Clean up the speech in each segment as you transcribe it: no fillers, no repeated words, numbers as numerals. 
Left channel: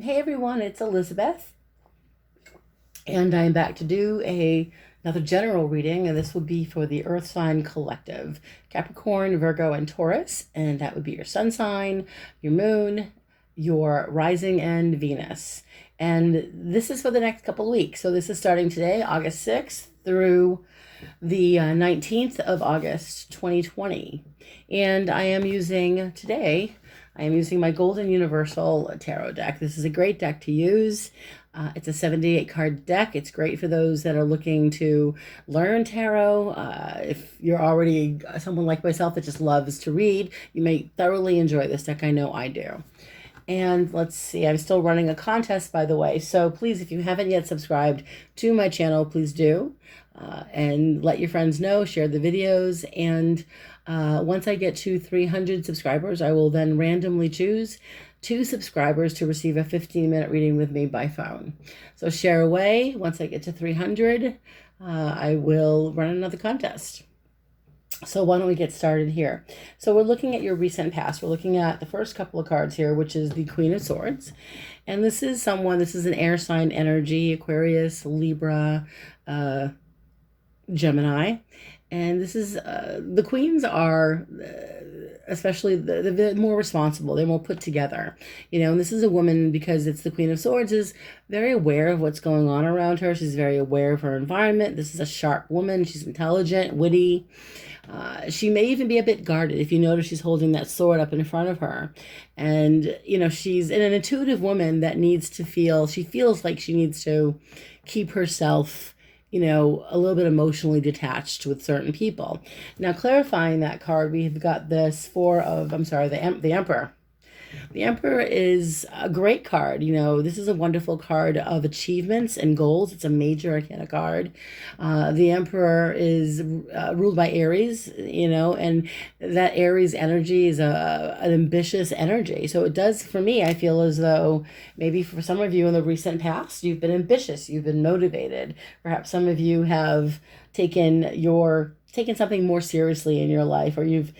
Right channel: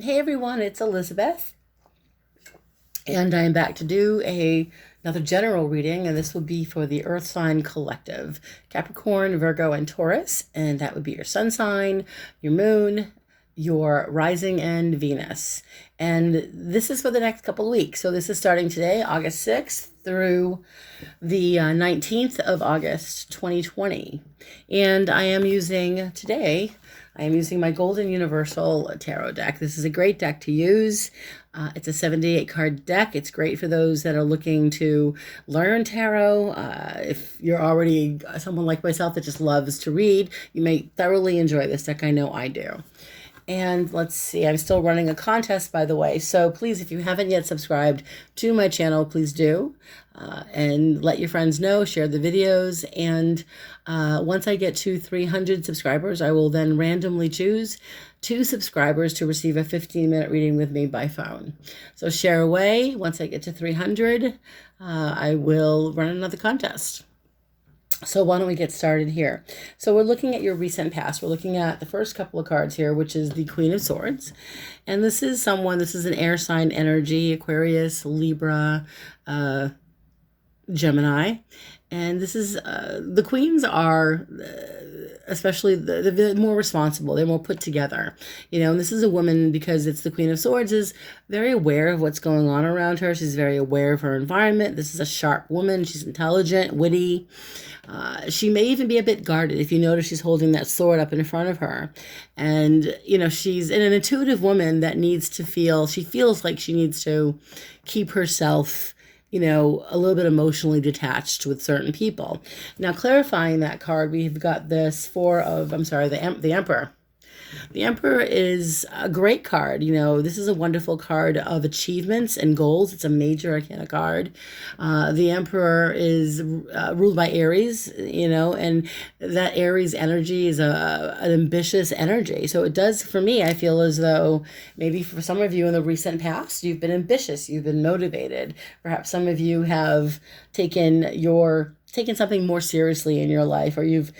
Hey everyone, it's Elizabeth, and I'm back to do another general reading, and this will be for the Earth sign collective, Capricorn, Virgo, and Taurus, and that would be your sun sign, your moon, your rising, and Venus. And this is for the next couple of weeks. So this is starting today, August 6th, through the 19th of August, 2020. And I am using my Golden Universal Tarot deck. This is a great deck to use. It's a 78 card deck. It's great for those that are looking to learn tarot. If you're already someone like myself that just loves to read, you may thoroughly enjoy this deck. I know I do. And let's see, I'm still running a contest, by the way. So please, if you haven't yet subscribed to my channel, please do. And let your friends know, share the videos. And once I get to 300 subscribers, I will then randomly choose 2 subscribers to receive a 15-minute reading with me by phone. So share away. Once I get to 300, I will run another contest. So why don't we get started here? So we're looking at your recent past. We're looking at the first couple of cards here, which is the Queen of Swords. And this is an air sign energy, Aquarius, Libra, Gemini. And this is, the queens are, especially the more responsible, they're more put together, and this is a woman, because it's the Queen of Swords, is very aware of what's going on around her. She's very aware of her environment. This is a sharp woman. She's intelligent, witty. She may even be a bit guarded. If you notice, she's holding that sword up in front of her. And, she's an intuitive woman that she feels like she needs to keep herself a little bit emotionally detached with certain people. Now, clarifying that card, we've got this the Emperor. The Emperor is a great card. This is a wonderful card of achievements and goals. It's a major arcana card. The Emperor is ruled by Aries, and that Aries energy is an ambitious energy. So it does, for me, I feel as though maybe for some of you in the recent past, you've been ambitious, you've been motivated. Perhaps some of you have taken something more seriously in your life, or you've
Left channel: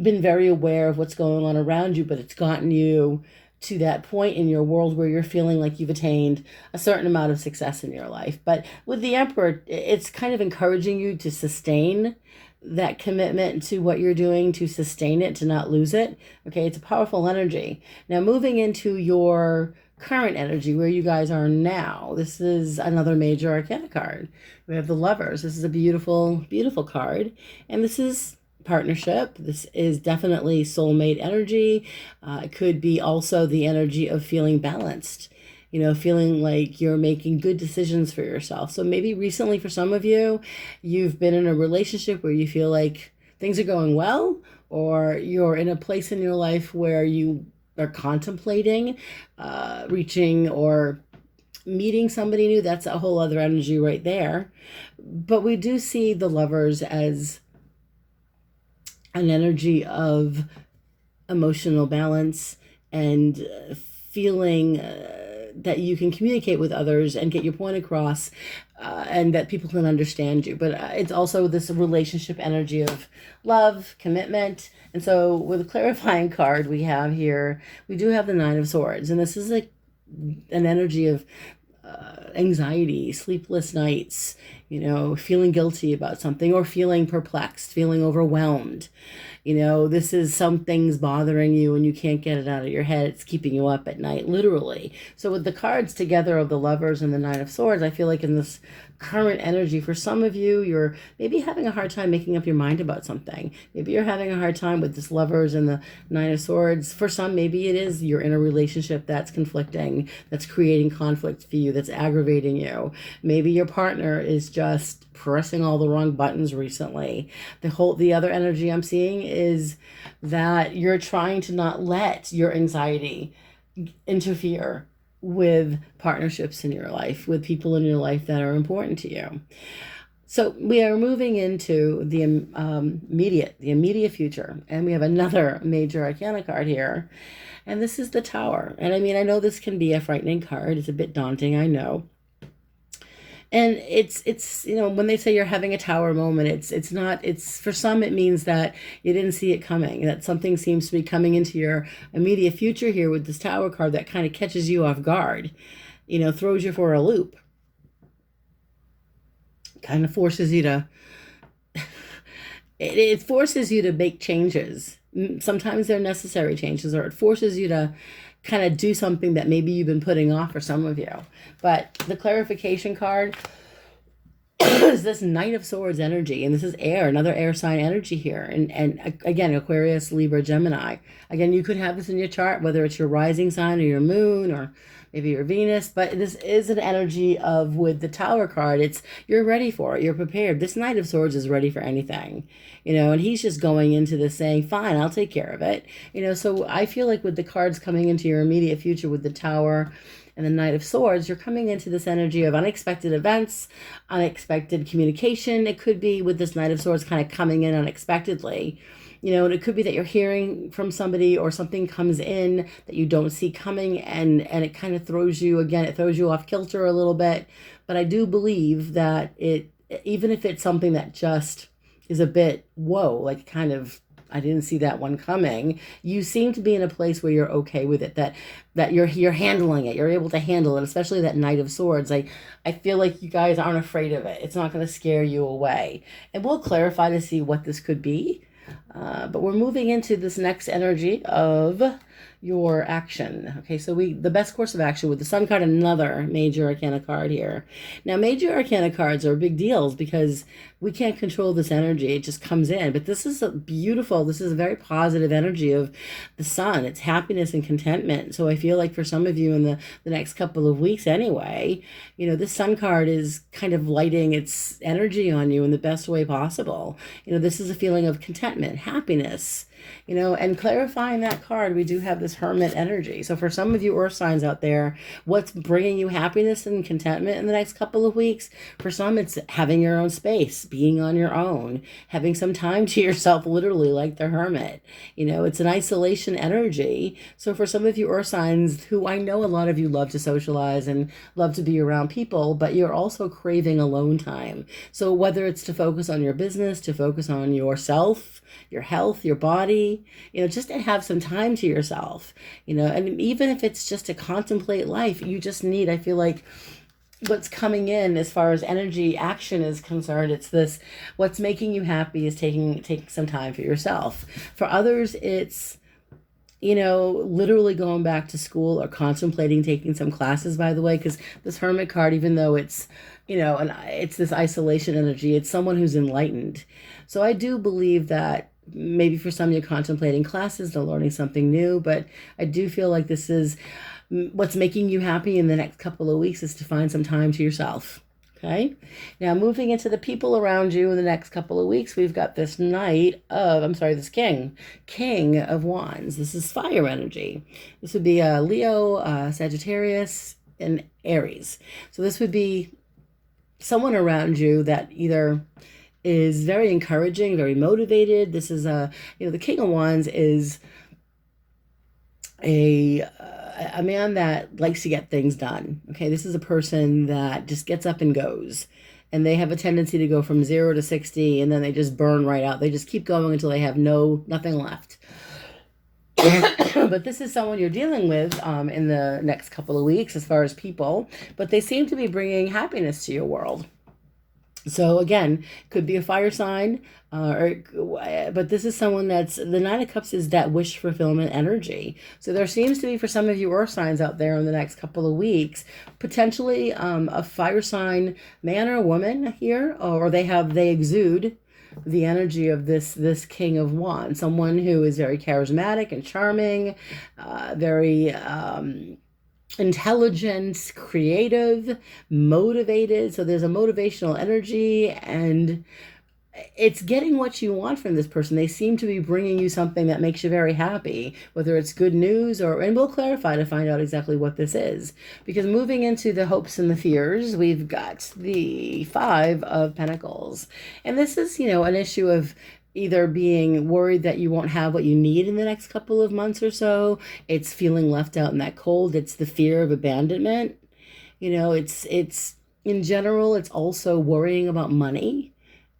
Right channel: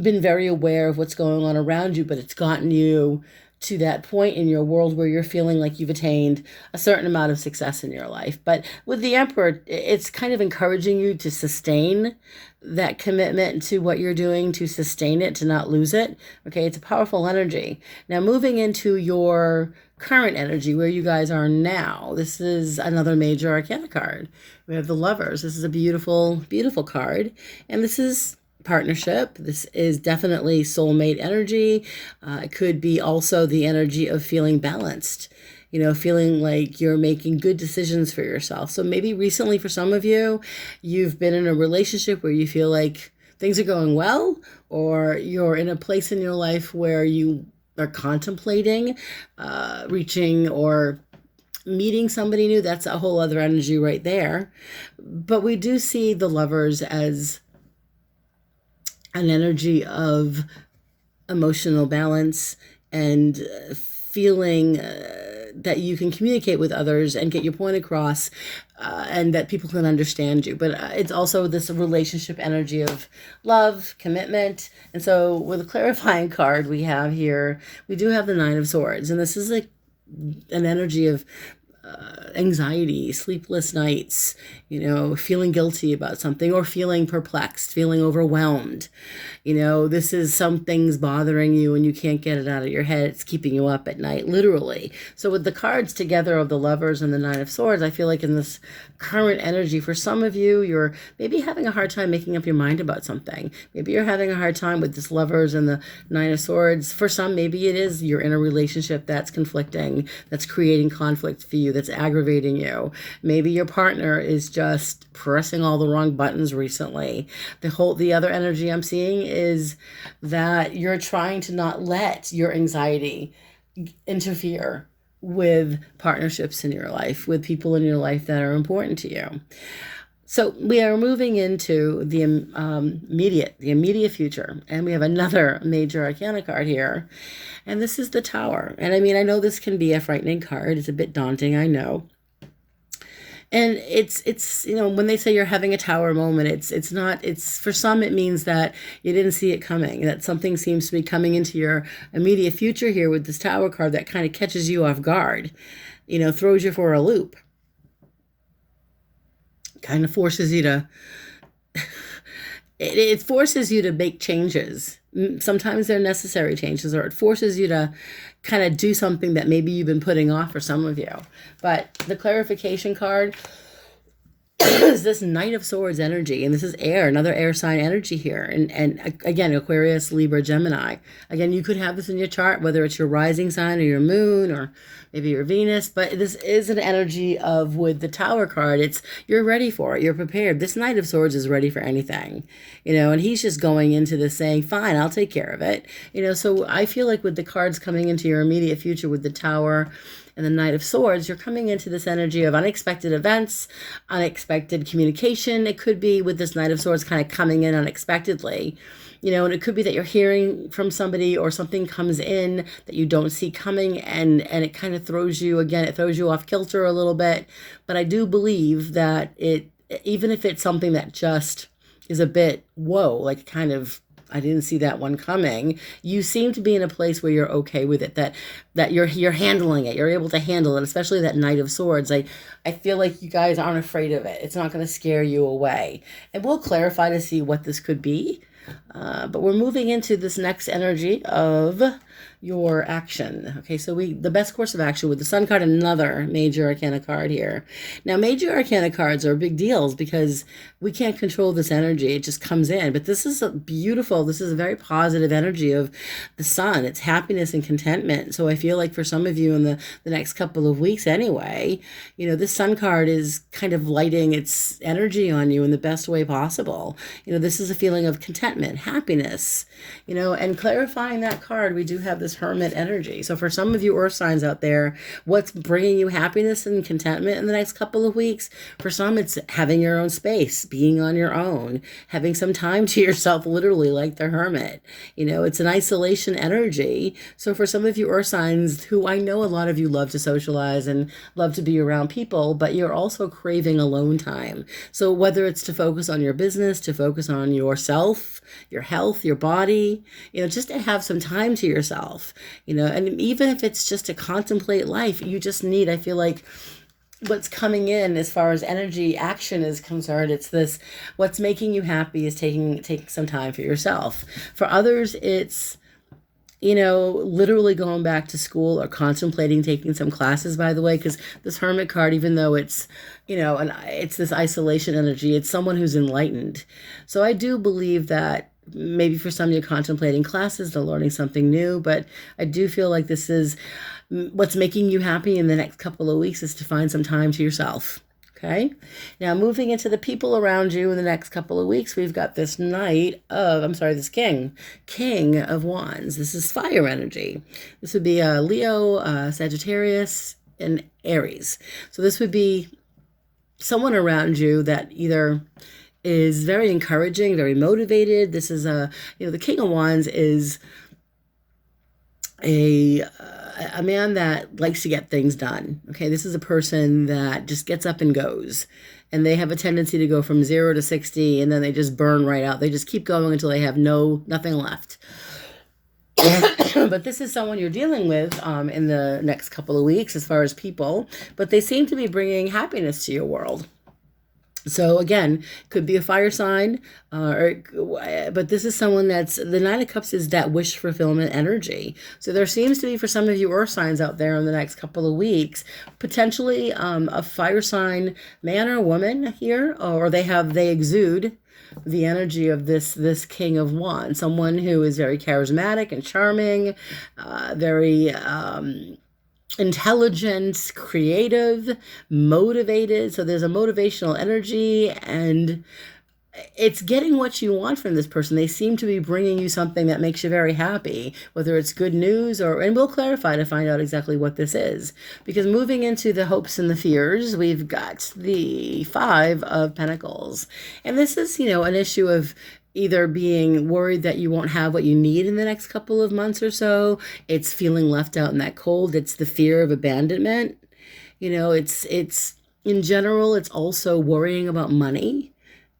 been very aware of what's going on around you, but it's gotten you to that point in your world where you're feeling like you've attained a certain amount of success in your life. But with the Emperor, it's kind of encouraging you to sustain that commitment to what you're doing, to sustain it, to not lose it. Okay, it's a powerful energy. Now, moving into your current energy, where you guys are now, this is another major arcana card. We have the Lovers. This is a beautiful, beautiful card. And this is partnership. This is definitely soulmate energy. It could be also the energy of feeling balanced, feeling like you're making good decisions for yourself. So maybe recently, for some of you, you've been in a relationship where you feel like things are going well, or you're in a place in your life where you are contemplating reaching or meeting somebody new. That's a whole other energy right there. But we do see the Lovers as an energy of emotional balance and feeling that you can communicate with others and get your point across, and that people can understand you. But it's also this relationship energy of love, commitment. And so with a clarifying card we have here, we do have the Nine of Swords. And this is like an energy of anxiety, sleepless nights, feeling guilty about something, or feeling perplexed, feeling overwhelmed. This is some things bothering you and you can't get it out of your head. It's keeping you up at night, literally. So with the cards together of the Lovers and the Nine of Swords, I feel like in this current energy, for some of you, you're maybe having a hard time making up your mind about something. Maybe you're having a hard time with this Lovers and the Nine of Swords. For some, maybe it is you're in a relationship that's conflicting, that's creating conflict for you, that's aggravating you. Maybe your partner is just pressing all the wrong buttons recently. The other energy I'm seeing is that you're trying to not let your anxiety interfere with partnerships in your life, with people in your life that are important to you. So we are moving into the immediate future, and we have another major arcana card here, and this is the Tower. And I know this can be a frightening card. It's a bit daunting, I know. And it's when they say you're having a tower moment, it's not, it's for some it means that you didn't see it coming, that something seems to be coming into your immediate future here with this tower card that kind of catches you off guard, throws you for a loop, kind of forces you to it forces you to make changes. Sometimes they're necessary changes, or it forces you to kind of do something that maybe you've been putting off for some of you. But the clarification card is this Knight of Swords energy, and this is air, another air sign energy here. And again, Aquarius, Libra, Gemini. Again, you could have this in your chart, whether it's your rising sign or your moon or maybe your Venus, but this is an energy of, with the Tower card, it's, you're ready for it, you're prepared. This Knight of Swords is ready for anything, and he's just going into this saying, fine, I'll take care of it. So I feel like with the cards coming into your immediate future with the Tower and the Knight of Swords, you're coming into this energy of unexpected events, unexpected communication. It could be with this Knight of Swords kind of coming in unexpectedly. And it could be that you're hearing from somebody, or something comes in that you don't see coming, and it kind of throws you, again, it throws you off kilter a little bit. But I do believe that even if it's something that just is a bit, whoa, like kind of, I didn't see that one coming, you seem to be in a place where you're okay with it, that you're handling it, you're able to handle it, especially that Knight of Swords. I feel like you guys aren't afraid of it. It's not going to scare you away. And we'll clarify to see what this could be. But we're moving into this next energy of your action. Okay, so the best course of action with the Sun card, another major arcana card here. Now, major arcana cards are big deals because we can't control this energy. It just comes in. But this is this is a very positive energy of the Sun. It's happiness and contentment. So I feel like for some of you in the next couple of weeks anyway, this Sun card is kind of lighting its energy on you in the best way possible. This is a feeling of contentment, happiness, and clarifying that card, we do have this Hermit energy. So for some of you Earth signs out there, what's bringing you happiness and contentment in the next couple of weeks? For some, it's having your own space, being on your own, having some time to yourself, literally like the Hermit. It's an isolation energy. So for some of you Earth signs, who I know a lot of you love to socialize and love to be around people, but you're also craving alone time. So whether it's to focus on your business, to focus on yourself, your health, your body, just to have some time to yourself, and even if it's just to contemplate life, you just need, I feel like, what's coming in as far as energy action is concerned, it's this, what's making you happy is taking some time for yourself. For others, it's literally going back to school or contemplating taking some classes, by the way, because this Hermit card, even though it's, and it's this isolation energy, it's someone who's enlightened. So I do believe that maybe for some you're contemplating classes, they're learning something new, but I do feel like this is what's making you happy in the next couple of weeks is to find some time to yourself. Okay. Now moving into the people around you in the next couple of weeks, we've got this this King of Wands. This is fire energy. This would be Leo, Sagittarius, and Aries. So this would be someone around you that either is very encouraging, very motivated. This is the King of Wands is a man that likes to get things done. Okay, this is a person that just gets up and goes, and they have a tendency to go from 0 to 60, and then they just burn right out. They just keep going until they have nothing left. But this is someone you're dealing with in the next couple of weeks as far as people, but they seem to be bringing happiness to your world. So again, could be a fire sign, but this is someone that's, the Nine of Cups is that wish fulfillment energy. So there seems to be, for some of you Earth signs out there in the next couple of weeks, potentially a fire sign man or woman here, or they exude the energy of this King of Wands, someone who is very charismatic and charming, very intelligent, creative, motivated. So there's a motivational energy, and it's getting what you want from this person. They seem to be bringing you something that makes you very happy, whether it's good news and we'll clarify to find out exactly what this is. Because moving into the hopes and the fears, we've got the Five of Pentacles. And this is, an issue of either being worried that you won't have what you need in the next couple of months or so. It's feeling left out in that cold. It's the fear of abandonment. It's In general, it's also worrying about money.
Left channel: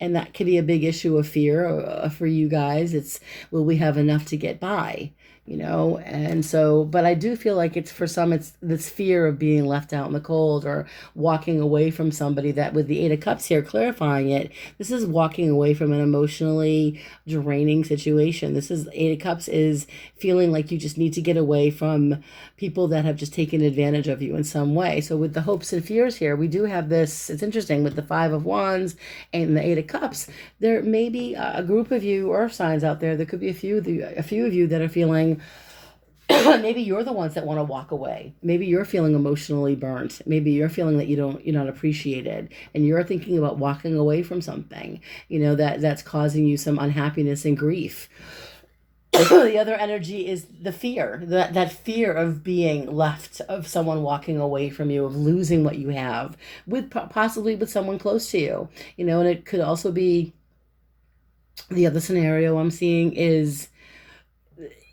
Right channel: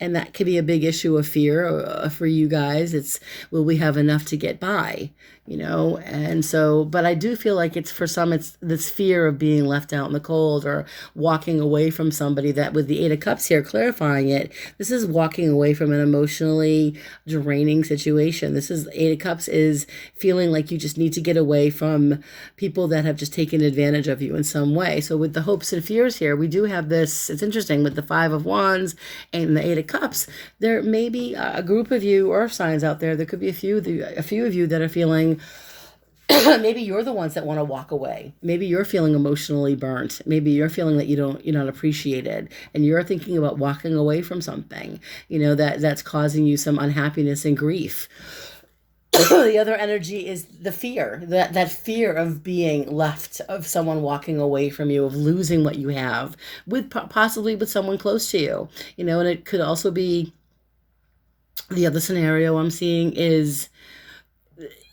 And that could be a big issue of fear for you guys. It's, will we have enough to get by? You know, and so, but I do feel like it's for some, it's this fear of being left out in the cold or walking away from somebody that with the Eight of Cups here clarifying it, this is walking away from an emotionally draining situation. This is Eight of Cups is feeling like you just need to get away from people that have just taken advantage of you in some way. So with the hopes and fears here, we do have this, it's interesting with the Five of Wands and the Eight of Cups, there may be a group of you Earth signs out there. There could be a few of you that are feeling maybe you're the ones that want to walk away. Maybe you're feeling emotionally burnt. Maybe you're feeling that you're not appreciated, and you're thinking about walking away from something, you know, that's causing you some unhappiness and grief. The other energy is the fear, that fear of being left, of someone walking away from you, of losing what you have, with possibly with someone close to you, you know. And it could also be, the other scenario I'm seeing is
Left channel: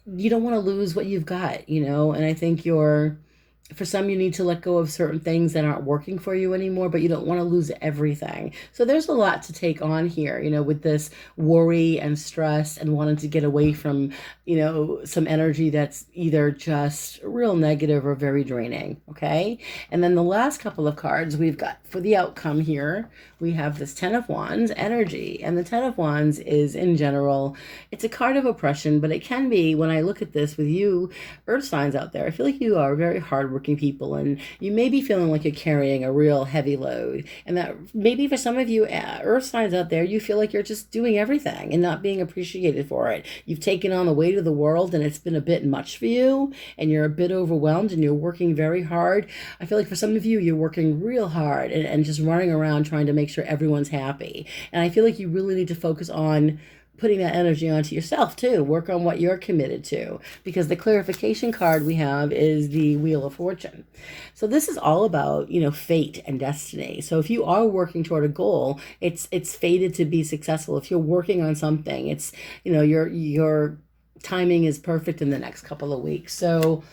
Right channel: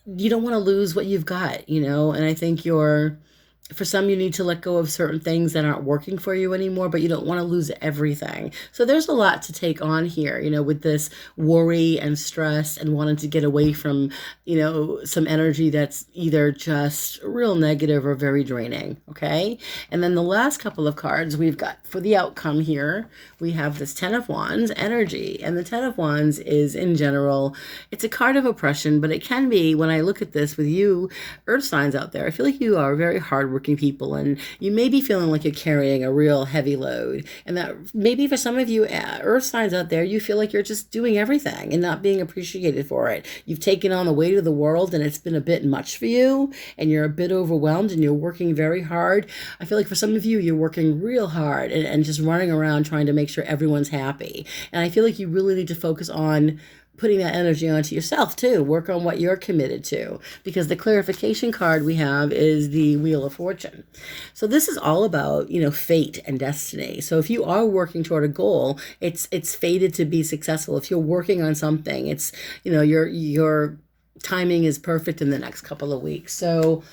you don't want to lose what you've got, you know. And I think for some, you need to let go of certain things that aren't working for you anymore, but you don't want to lose everything. So there's a lot to take on here, you know, with this worry and stress and wanting to get away from, you know, some energy that's either just real negative or very draining. Okay. And then the last couple of cards we've got for the outcome here, we have this Ten of Wands energy. And the Ten of Wands is, in general, it's a card of oppression, but it can be, when I look at this with you Earth signs out there, I feel like you are very hardworking people, and you may be feeling like you're carrying a real heavy load. And that maybe for some of you Earth signs out there, you feel like you're just doing everything and not being appreciated for it. You've taken on the weight of the world, and it's been a bit much for you, and you're a bit overwhelmed, and you're working very hard. I feel like for some of you, you're working real hard and just running around trying to make sure everyone's happy. And I feel like you really need to focus on putting that energy onto yourself too. Work on what you're committed to, because the clarification card we have is the Wheel of Fortune. So this is all about, you know, fate and destiny. So if you are working toward a goal, it's fated to be successful. If you're working on something, it's, you know, your timing is perfect in the next couple of weeks. So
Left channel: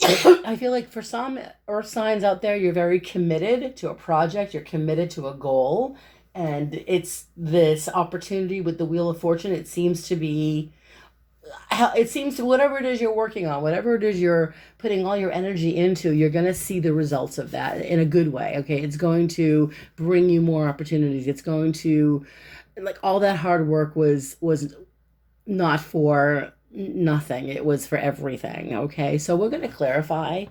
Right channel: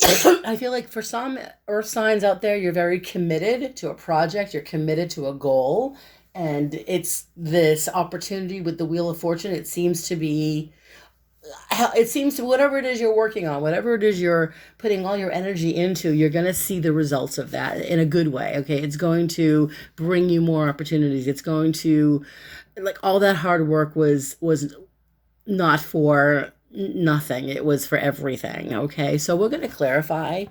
I feel like for some Earth signs out there, you're very committed to a project, you're committed to a goal, and it's this opportunity with the Wheel of Fortune. It seems to whatever it is you're working on, whatever it is you're putting all your energy into, you're going to see the results of that in a good way. Okay. It's going to bring you more opportunities. It's going to, like, all that hard work was not for nothing. It was for everything. Okay. So we're going to clarify,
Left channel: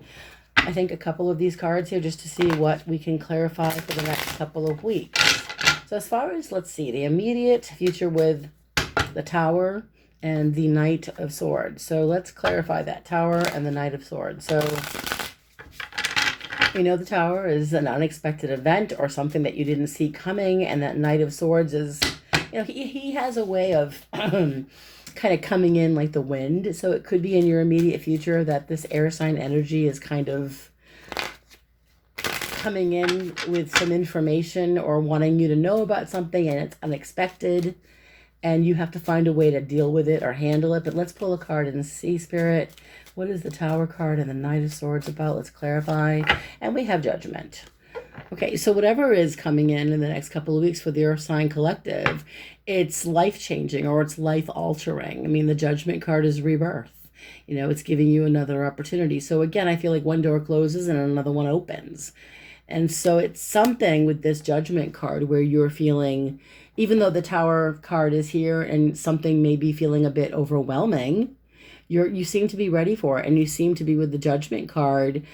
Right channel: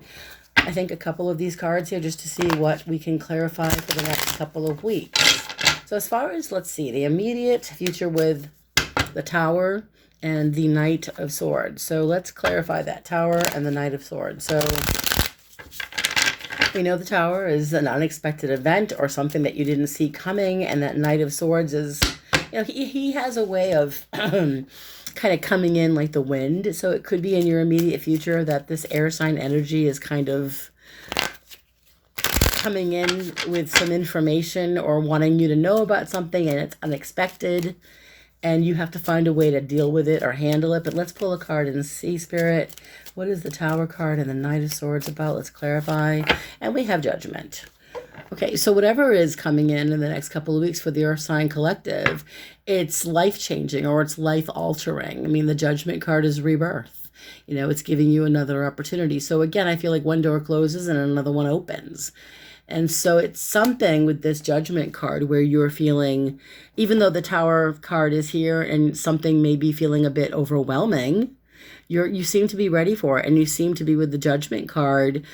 I think, a couple of these cards here just to see what we can clarify for the next couple of weeks. So as far as, let's see, the immediate future with the Tower and the Knight of Swords. So let's clarify that Tower and the Knight of Swords. So we know the Tower is an unexpected event or something that you didn't see coming. And that Knight of Swords is, you know, he has a way of kind of coming in like the wind. So it could be in your immediate future that this air sign energy is kind of coming in with some information or wanting you to know about something, and it's unexpected, and you have to find a way to deal with it or handle it. But let's pull a card and see, Spirit, what is the Tower card and the Knight of Swords about? Let's clarify. And we have Judgment. Okay, so whatever is coming in the next couple of weeks for the Earth sign collective, it's life-changing or it's life-altering. I mean, the Judgment card is rebirth. You know, it's giving you another opportunity. So again, I feel like one door closes and another one opens. And so it's something with this Judgment card where you're feeling, even though the Tower card is here and something may be feeling a bit overwhelming, you seem to be ready for it. And you seem to be, with the Judgment card,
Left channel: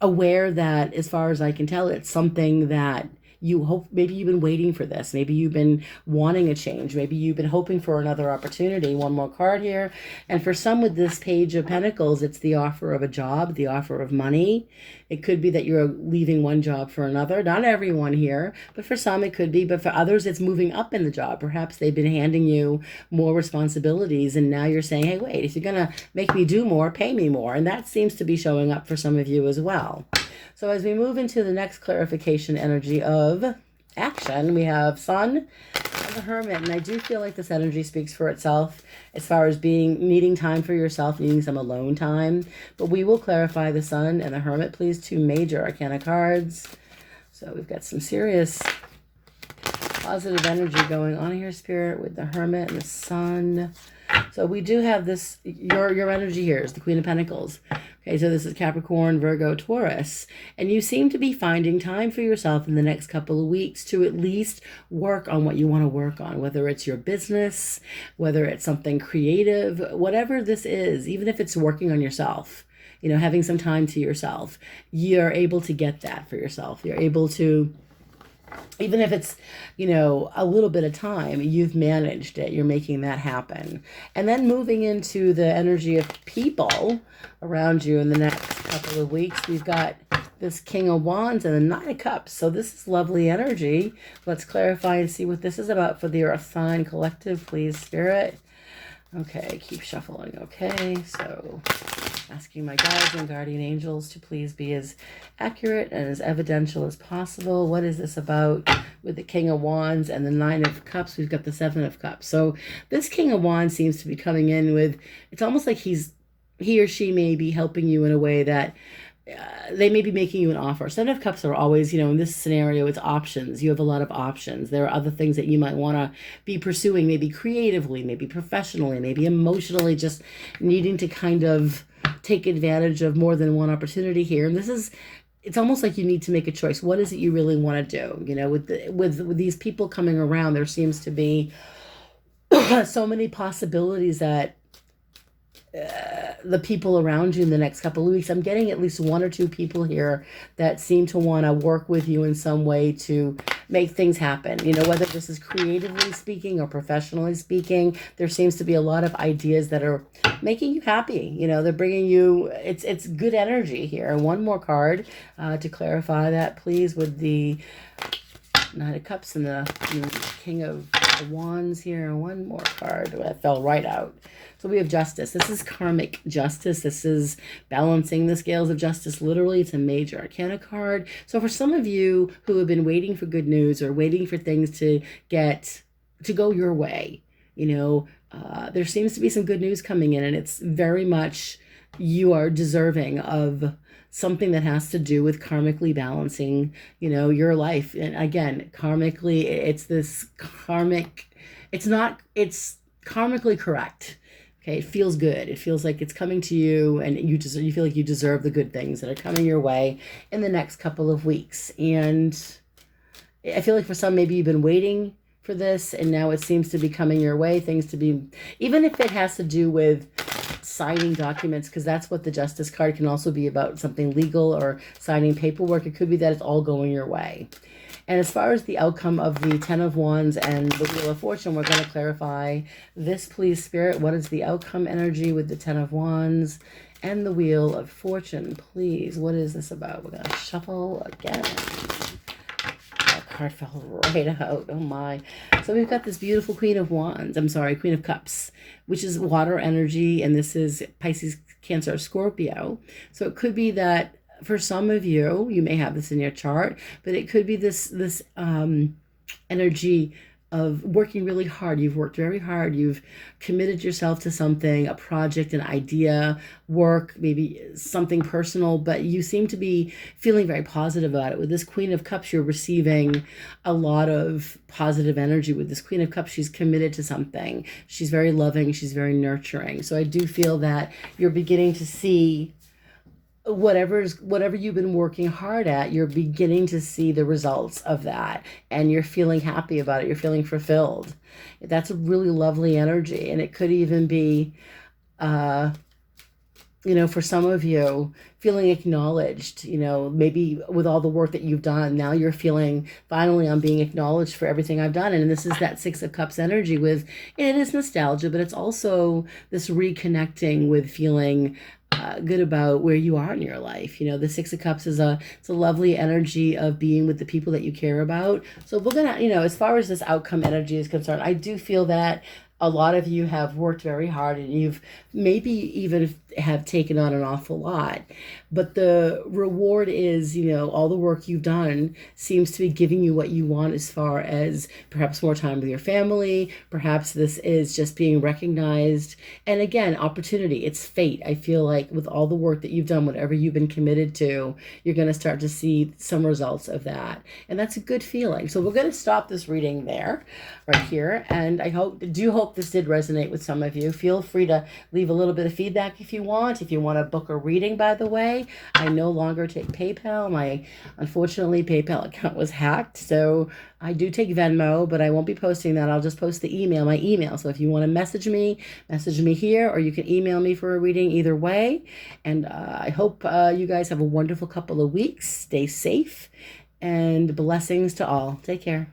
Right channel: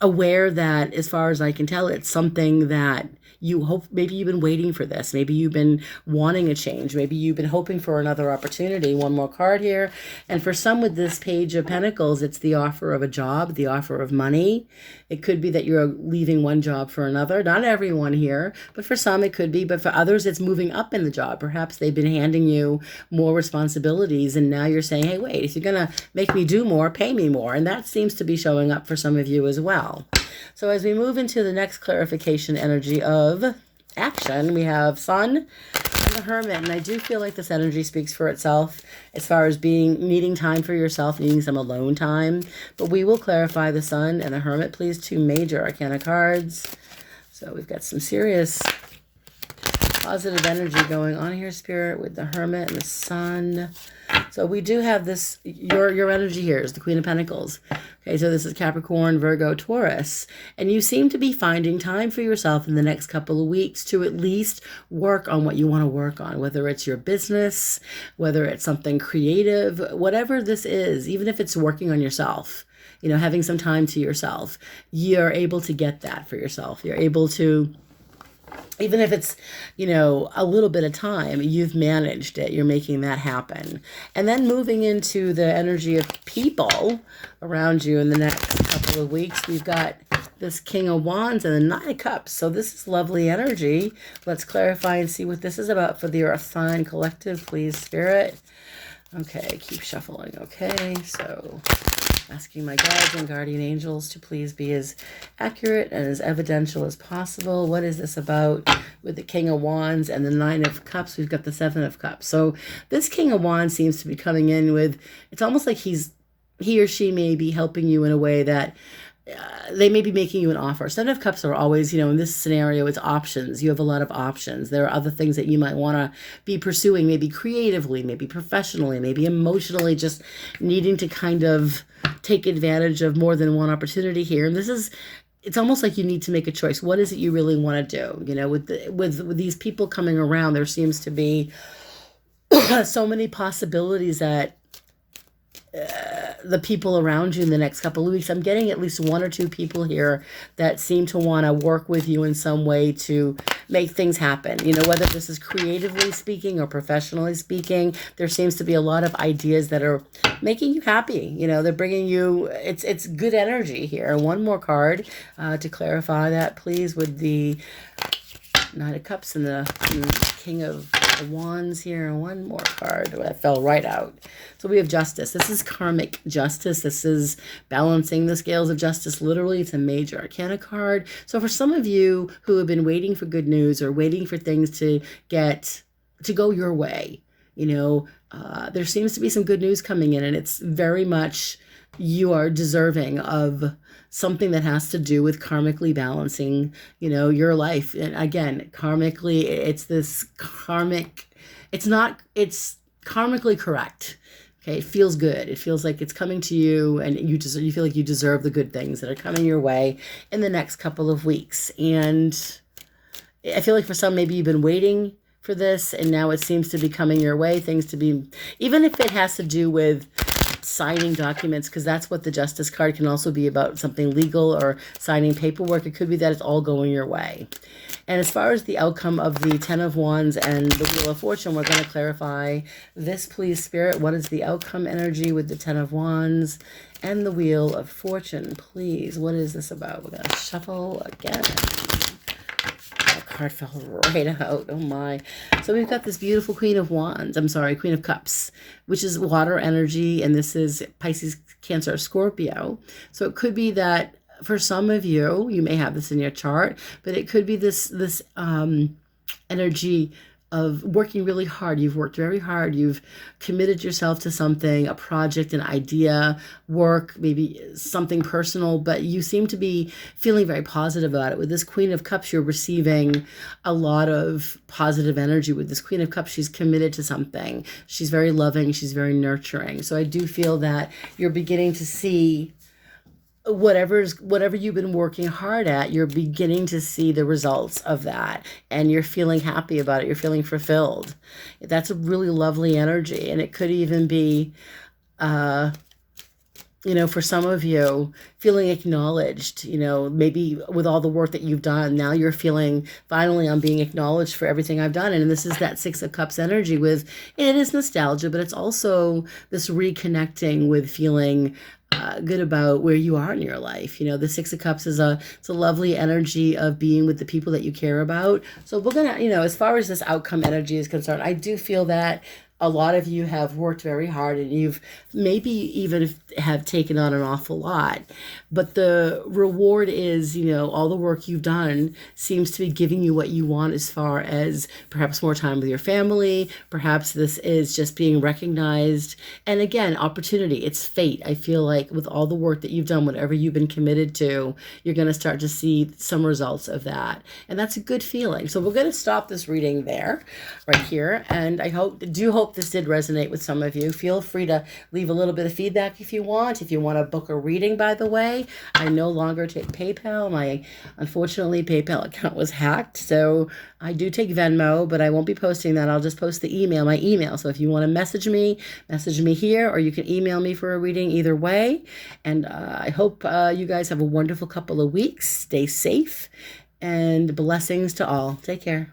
aware that, as far as I can tell, it's something that you hope, maybe you've been waiting for this. Maybe you've been wanting a change. Maybe you've been hoping for another opportunity. One more card here. And for some with this Page of Pentacles, it's the offer of a job, the offer of money. It could be that you're leaving one job for another. Not everyone here, but for some it could be. But for others, it's moving up in the job. Perhaps they've been handing you more responsibilities, and now you're saying, hey, wait, if you're going to make me do more, pay me more. And that seems to be showing up for some of you as well. So as we move into the next clarification energy of action, we have Sun and the Hermit, and I do feel like this energy speaks for itself as far as needing time for yourself, needing some alone time. But we will clarify the Sun and the Hermit, please. 2 major arcana cards. So we've got some serious positive energy going on here, Spirit, with the Hermit and the Sun. So we do have this, your energy here is the Queen of Pentacles. Okay, so this is Capricorn, Virgo, Taurus. And you seem to be finding time for yourself in the next couple of weeks to at least work on what you want to work on, whether it's your business, whether it's something creative, whatever this is, even if it's working on yourself, you know, having some time to yourself, you're able to get that for yourself. You're able to, even if it's, you know, a little bit of time, you've managed it. You're making that happen. And then moving into the energy of people around you in the next couple of weeks, we've got this King of Wands and the Nine of Cups. So this is lovely energy. Let's clarify and see what this is about for the Earth Sign Collective, please, Spirit. Okay, keep shuffling. Okay, so asking my guides and guardian angels to please be as accurate and as evidential as possible. What is this about with the King of Wands and the Nine of Cups? We've got the Seven of Cups. So this King of Wands seems to be coming in with, it's almost like he or she may be helping you in a way that they may be making you an offer. Seven of Cups are always, you know, in this scenario, it's options. You have a lot of options. There are other things that you might want to be pursuing, maybe creatively, maybe professionally, maybe emotionally, just needing to kind of take advantage of more than one opportunity here. And this is, it's almost like you need to make a choice. What is it you really want to do? You know, with these people coming around, there seems to be so many possibilities that the people around you in the next couple of weeks, I'm getting at least 1 or 2 people here that seem to want to work with you in some way to make things happen. You know, whether this is creatively speaking or professionally speaking, there seems to be a lot of ideas that are making you happy. You know, they're bringing you, it's good energy here. One more card to clarify that, please, with the Nine of Cups and the King of Wands here. One more card that fell right out. So we have Justice. This is karmic justice. This is balancing the scales of justice. Literally, it's a major arcana card. So for some of you who have been waiting for good news or waiting for things to go your way, you know, there seems to be some good news coming in, and it's very much you are deserving of something that has to do with karmically balancing, you know, your life. And again, karmically, it's this karmic, it's karmically correct. Okay, it feels good. It feels like it's coming to you, and you feel like you deserve the good things that are coming your way in the next couple of weeks. And I feel like for some, maybe you've been waiting for this, and now it seems to be coming your way. Things to be, even if it has to do with signing documents, because that's what the Justice card can also be about, something legal or signing paperwork. It could be that it's all going your way. And as far as the outcome of the Ten of Wands and the Wheel of Fortune, we're going to clarify this, please, Spirit. What is the outcome energy with the Ten of Wands and the Wheel of Fortune, please? What is this about? We're going to shuffle again. Card fell right out. Oh my. So we've got this beautiful Queen of Cups, which is water energy, and this is Pisces, Cancer, Scorpio. So it could be that for some of you, you may have this in your chart, but it could be this energy of working really hard. You've worked very hard. You've committed yourself to something, a project, an idea, work, maybe something personal, but you seem to be feeling very positive about it. With this Queen of Cups, you're receiving a lot of positive energy. With this Queen of Cups, she's committed to something. She's very loving. She's very nurturing. So I do feel that you're beginning to see whatever you've been working hard at, you're beginning to see the results of that, and you're feeling happy about it. You're feeling fulfilled. That's a really lovely energy. And it could even be, you know, for some of you, feeling acknowledged, you know, maybe with all the work that you've done, now you're feeling, finally, I'm being acknowledged for everything I've done. And this is that Six of Cups energy with, it is nostalgia, but it's also this reconnecting with feeling good about where you are in your life. You know, the Six of Cups is it's a lovely energy of being with the people that you care about. So we're gonna, you know, as far as this outcome energy is concerned, I do feel that A lot of you have worked very hard, and you've maybe even have taken on an awful lot, but the reward is, all the work you've done seems to be giving you what you want, as far as perhaps more time with your family. Perhaps this is just being recognized, and again, opportunity. It's fate. I feel like with all the work that you've done, whatever you've been committed to, you're going to start to see some results of that, and that's a good feeling. So we're going to stop this reading there, right here, and I do hope this did resonate with some of you. Feel free to leave a little bit of feedback if you want. If you want to book a reading, by the way, I no longer take PayPal. Unfortunately, PayPal account was hacked, so I do take Venmo, but I won't be posting that. I'll just post my email. So if you want to message me here, or you can email me for a reading, either way. And I hope you guys have a wonderful couple of weeks. Stay safe, and blessings to all. Take care.